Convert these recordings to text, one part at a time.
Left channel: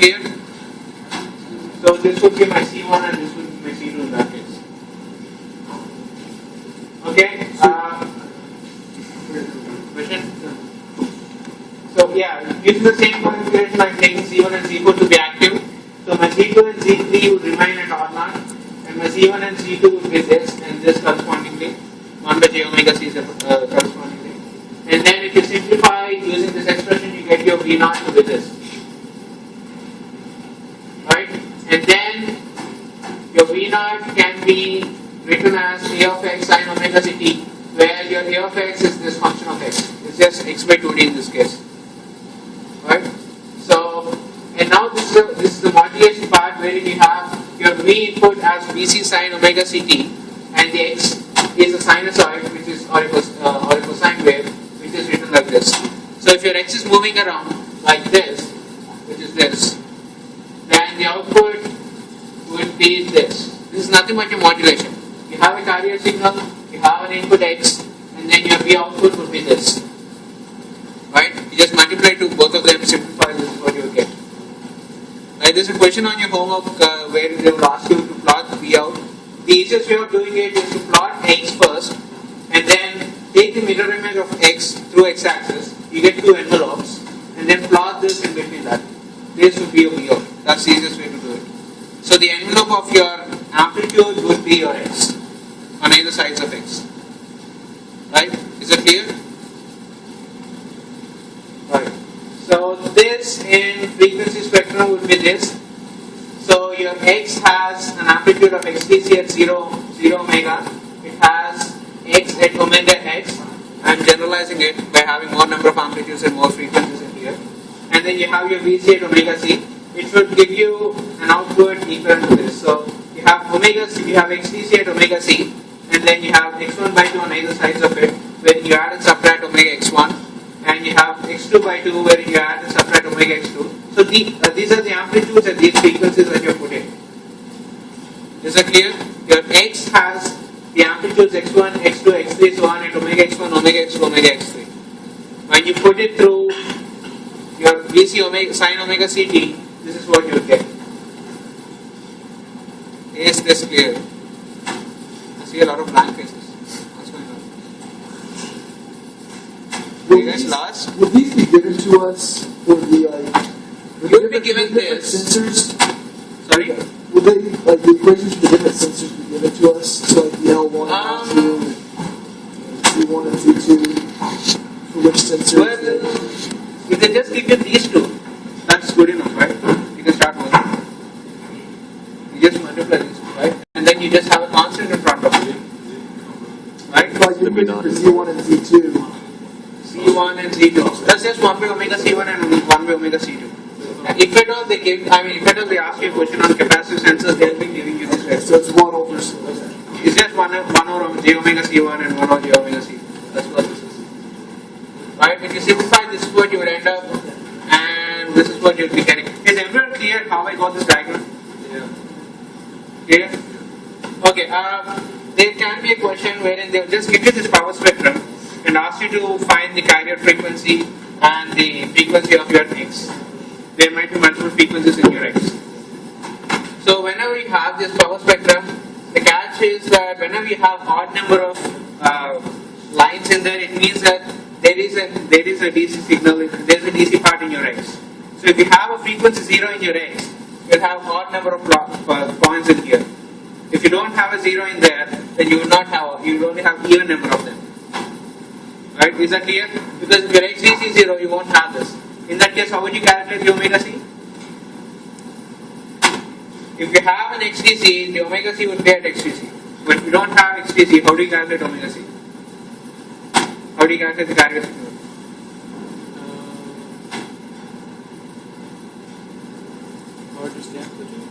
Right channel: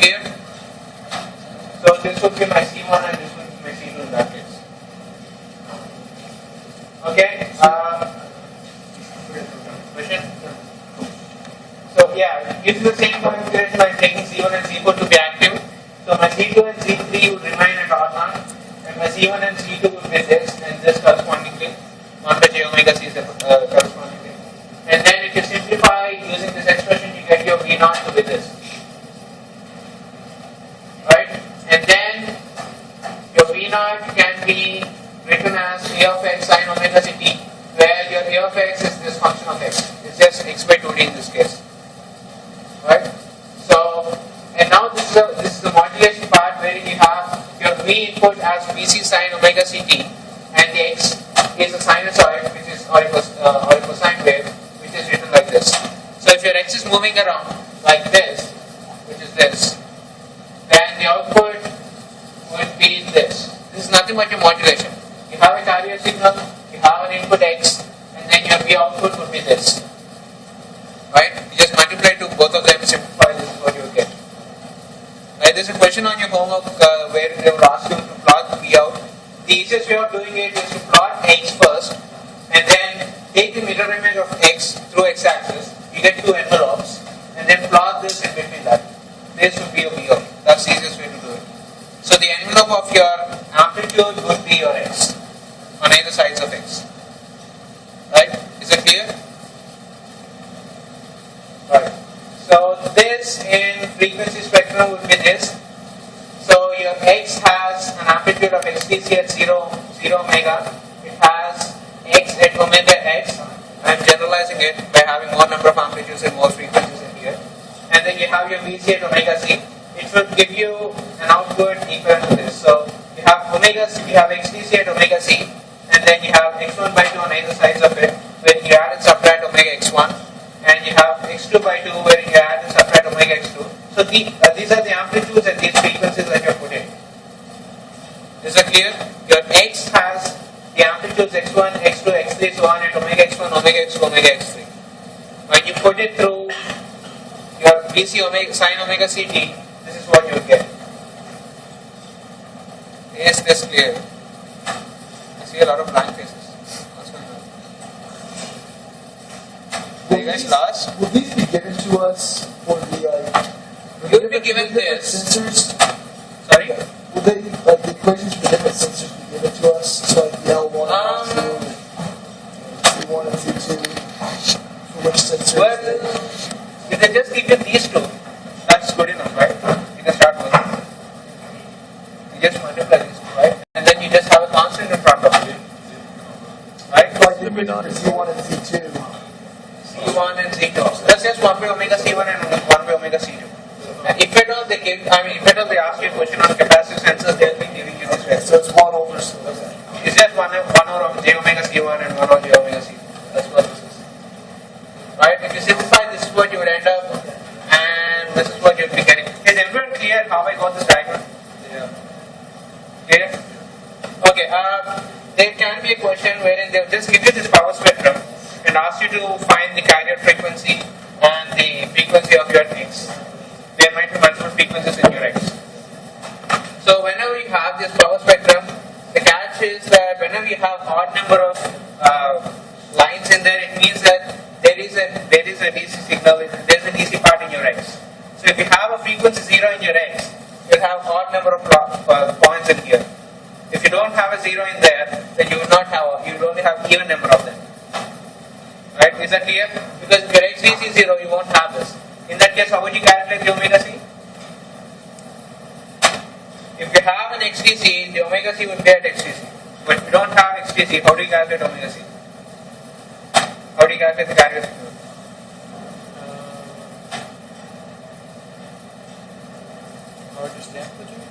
clear? So this would be my C1 and this would be my C2 in that case. Okay? Question? So yeah, using the same configuration, I'm taking C1 and C4 to be active. So my C2 and C3 would remain at R0, and my C1 and C2 would be this and this correspondingly, 1 by j omega c correspondingly. And then if you simplify using this expression, you get your V0 to be this. Right? And then your V0 can be written as A of x sine omega c t, where your A of x is this function of x. It's just x by 2d in this case. Right? So, and now this is the modulation part where you have your V input as Vc sine omega ct, and the x is a sinusoid, which is or a cosine wave, which is written like this. So if your x is moving around like this, which is this, then the output would be this. This is nothing but your modulation. You have a carrier signal, you have an input x, and then your V output would be this. Right? You just multiply to both of them, simplify, this is what you will get. Right? There's a question on your homework where they will ask you to plot V out. The easiest way of doing it is to plot x first, and then take the mirror image of x through x-axis. You get two envelopes, and then plot this in between that. This would be your V out. That's the easiest way to do it. So the envelope of your amplitude would be your x on either sides of x. Right? Is that clear? Right. So this in frequency spectrum would be this. So your x has an amplitude of xtc at 0 omega. It has x at omega x. I'm generalizing it by having more number of amplitudes and more frequencies in here. And then you have your Vc at omega c. It should give you an output equivalent to this. So you have omega c, you have xtc at omega c, and then you have x1 by 2 on either sides of it, where you add and subtract omega x1, and you have x2 by 2 where you add and subtract omega x2. So these are the amplitudes and these frequencies that you put in. Is that clear? Your x has the amplitudes x1, x2, x3, so on at omega x1, omega x2, omega x3. When you put it through your Vc omega sine omega ct, this is what you will get. Is this clear? I see a lot of blank faces. What's going on? Are you guys lost? Will these be given to us for the you will be given this. Sensors? Sorry? Will they, like the equations for the different sensors be given to us? So like the L1, L2, C1 and C2, for which sensors? Well, if they just give you these two, that's good enough, right? You can start working. You just multiply these two, right? And then you just have a constant in front of it. Right? Like the equation for C1 and C2. C1 and C2. That's just 1 by omega C1 and 1 by omega C2. And if at all they give, if at all they ask you a question on capacitive sensors, they'll be giving you this rest. So it's 1 over. It's just 1 over j omega C1 and 1 over j omega C2. That's what this is. Right? If you simplify, this is what you would end up, and this is what you would be getting. Is everyone clear how I got this diagram? Yeah. Clear? Okay. There can be a question wherein they'll just give you this power spectrum and ask you to find the carrier frequency and the frequency of your x. There might be multiple frequencies in your x. So whenever you have this power spectrum, the catch is that whenever you have odd number of lines in there, it means that there is a DC signal, there is a DC part in your x. So if you have a frequency 0 in your x, you'll have odd number of points in here. If you don't have a 0 in there, then you will only have even number of them. Right? Is that clear? Because if your xdc is 0, you won't have this. In that case, how would you calculate the omega c? If you have an xdc, the omega c would be at xdc. But if you don't have xdc, how do you calculate omega c? How do you calculate the carrier signal? Largest amplitude?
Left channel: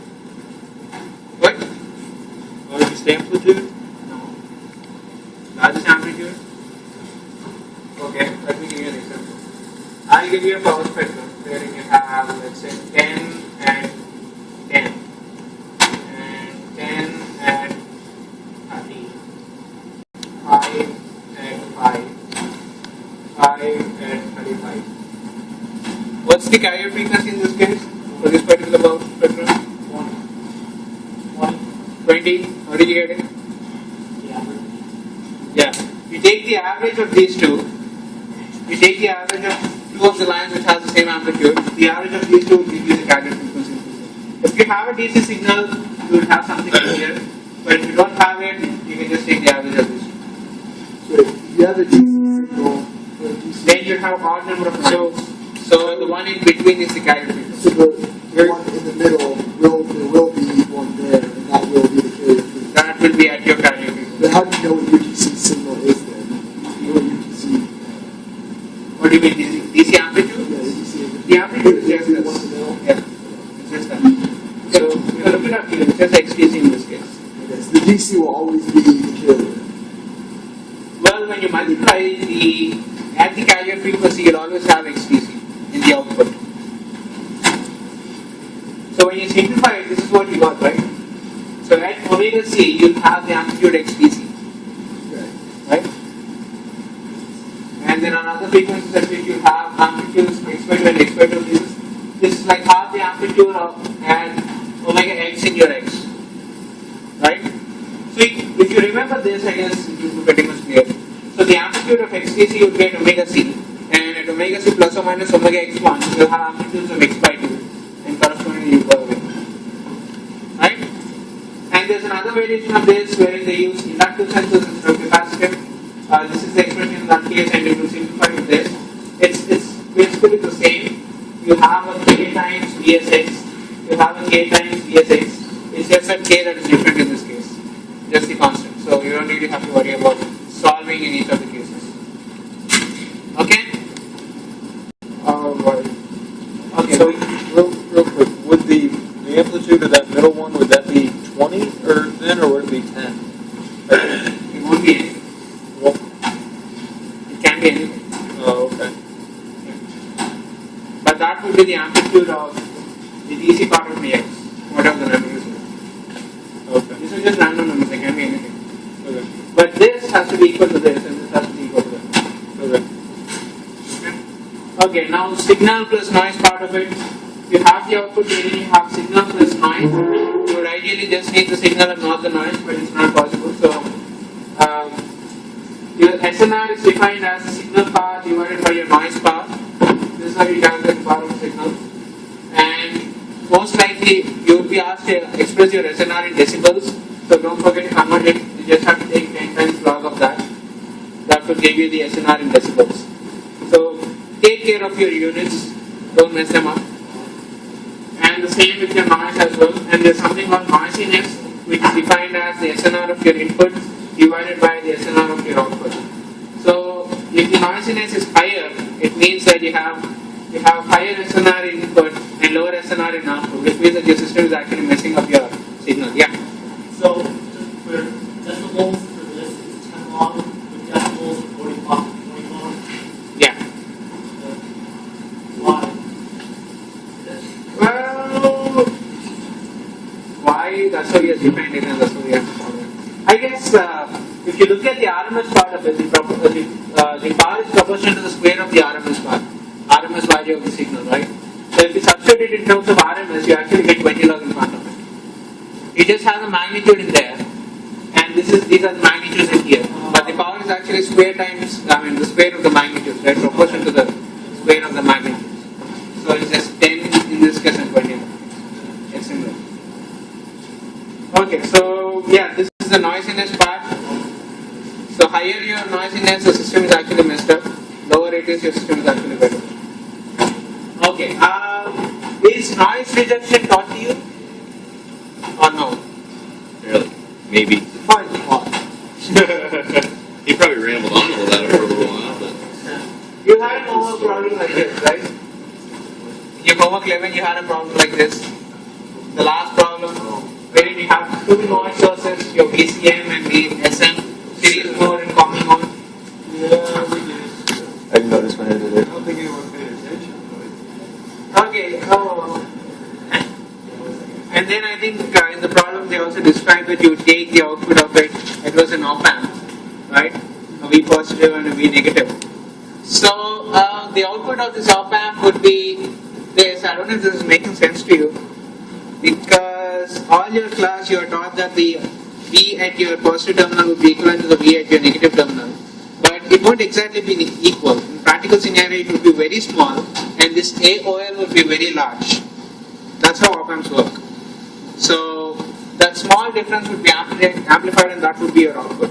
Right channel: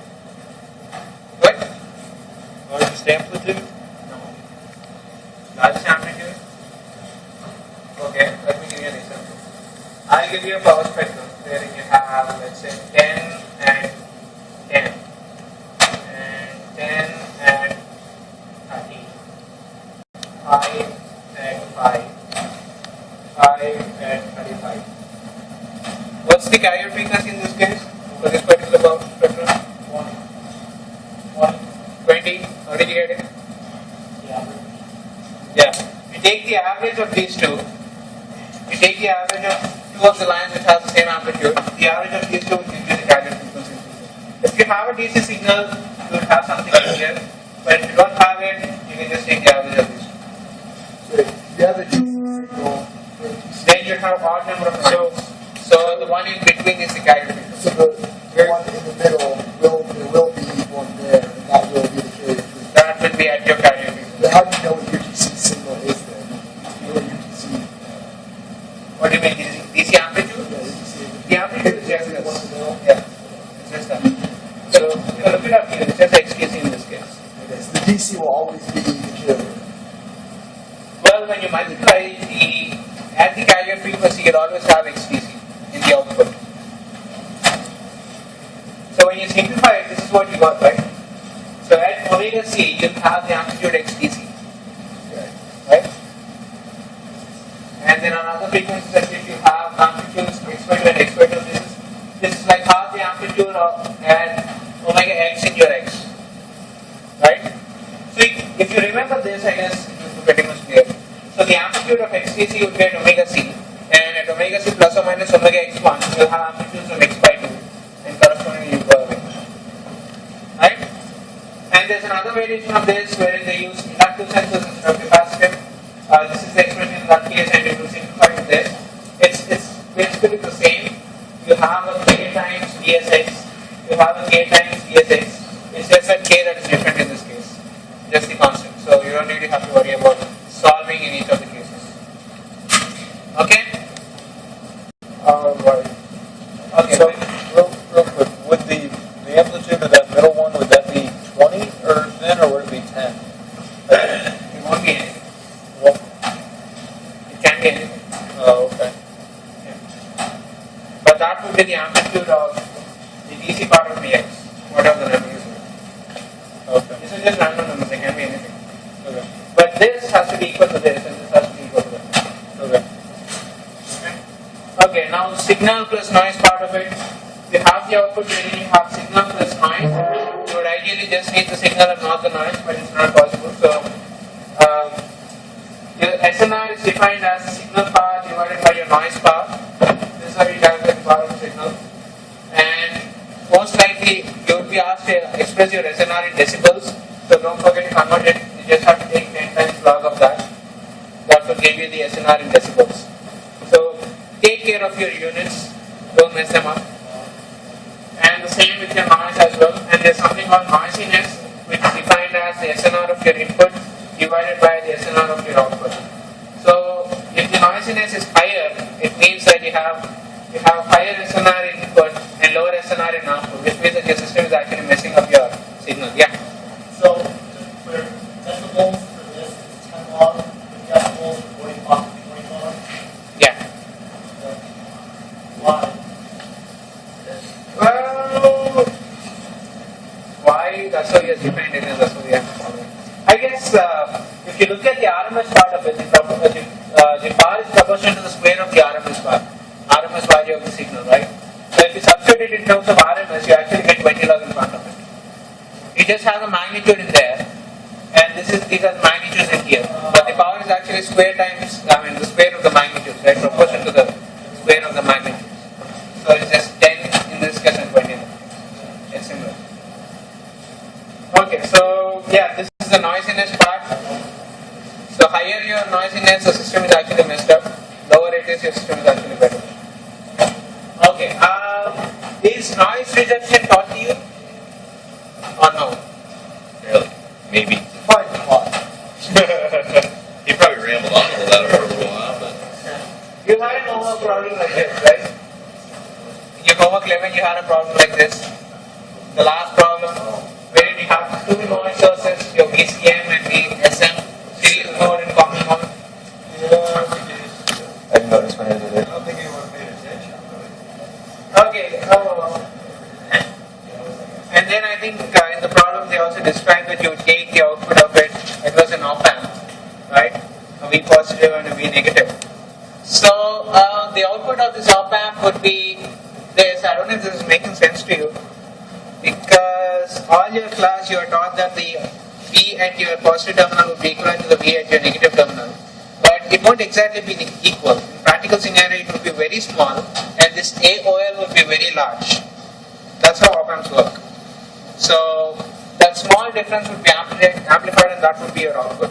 What? Largest amplitude? No. Largest amplitude? Okay, let me give you an example. I'll give you a power spectrum where you have, let's say, 10 and 10, and 10 and 30, 5 and 5, 5 and 35. What's the carrier frequency in this case? for this particular power spectrum? 20. 20. How did you get it? Yeah. Yeah. You take the average of these two. You take the average of two of the lines which has the same amplitude. The average of these two will give you the target frequency. If you have a DC signal, you will have something in here. But if you don't have it, you can just take the average of these two. So if you have a DC signal for a DC, Then you have odd number of lines. So the one in between is the carrier frequency. so the one in the middle there will be one there, and that will be the carrier frequency. That will be at your carrier frequency. But how do you know what your DC signal is then? You know what your DC? What do you mean, DC amplitude? Yeah, the DC. The amplitude is just the one this. in the middle. Yeah, it's just that. So you can look it up here. It's just XTC in this case. Okay, so the DC will always be the carrier. Well, when you multiply at the carrier frequency, you'll always have XTC in the output. So when you simplify it, this is what you got, right? So at omega c, you'll have the amplitude XTC, Okay. right? And then on other frequencies at which you have amplitudes x by 2 and x by 2, this is like half the amplitude of at omega x in your x, right? So if you remember this, I guess it will be pretty much clear. So the amplitude of XTC would be at omega c, and at omega c plus or minus omega x1, you'll have amplitudes of x by 2, and correspondingly you go away, right? And there's another variation of this wherein they use inductive sensors instead of capacitive. This is the expression in that case, and it will simplify with this. It's basically the same. You have a k times Vsx, you have a k times Vsx. It's just that k that is different in this case, just the constant. So you don't really have to worry about solving in each of the cases. Okay? Right. Okay. So, real quick, would the amplitude of that middle one, would that be 20 or then, or would it be 10? It won't be anything. Well, It can be anything. oh, okay. But that would be the amplitude of the DC part of the x, whatever the number is. Okay. This is just random numbers, they can be anything. Okay. But this has to be equal to this, and this has to be equal to that. Okay. Okay, now signal plus noise part of it. You have the output wherein you have signal plus noise. You would ideally just need the signal and not the noise, but it's not possible. So, your SNR is defined as the signal power divided by your noise power. This is how you calculate the power of the signal. And most likely, you would be asked to express your SNR in decibels. So don't forget to convert it. You just have to take 10 times log of that. That will give you the SNR in decibels. So take care of your units. Don't mess them up. And the same with your noise as well. And there's something called noisiness, which is defined as the SNR of your input divided by the SNR of your output. So if the noisiness is higher, it means that you have higher SNR in input and lower SNR in output, which means that your system is actually messing up your signal. Yeah. So, just for decibels for this is 10 log, with decibels of 45 to 20 log. Yeah. Why? Well, why? That's how you defined it, and that's how we have to follow it. I guess if you look at the RMS part of it, the power is proportional to the square of the RMS part, RMS value of the signal, right? So if you substitute it in terms of RMS, you actually get 20 log in front of it. It just has a magnitude in there, and these are the magnitudes in here. But the power is actually square times, the square of the magnitudes, right? Proportional to the square of the magnitudes. So it's just 10 in this case and 20 in that case. It's similar. Okay, so yeah, this is the noisiness part. So higher your noisiness, the system is actually messed up. Lower it is, your system is actually better. Okay, is noise rejection taught to you? Or no? Really? Maybe. Fine, fine. He probably rambled on about it for a little while, but You had an homework problem like this, right? In your homework 11, you had a problem like this. The last problem, wherein you have two noise sources, your VCM and the SM, series mode and common mode. Yeah, we did. I didn't notice when I did I it. don't think anyone paid attention, but Okay, and then I think in the problem they also described that you take the output of it, it was an op amp, right? A V positive and a V negative. So the output of this op amp would be this, I don't know if this is making sense to you, because all your class you are taught that the V at your positive terminal would be equivalent to the V at your negative terminal. But it won't exactly be equal. In practical scenario, it would be very small, and this AOL would be very large. That's how op-amps work. So that small difference would be amplified, and that would be your output.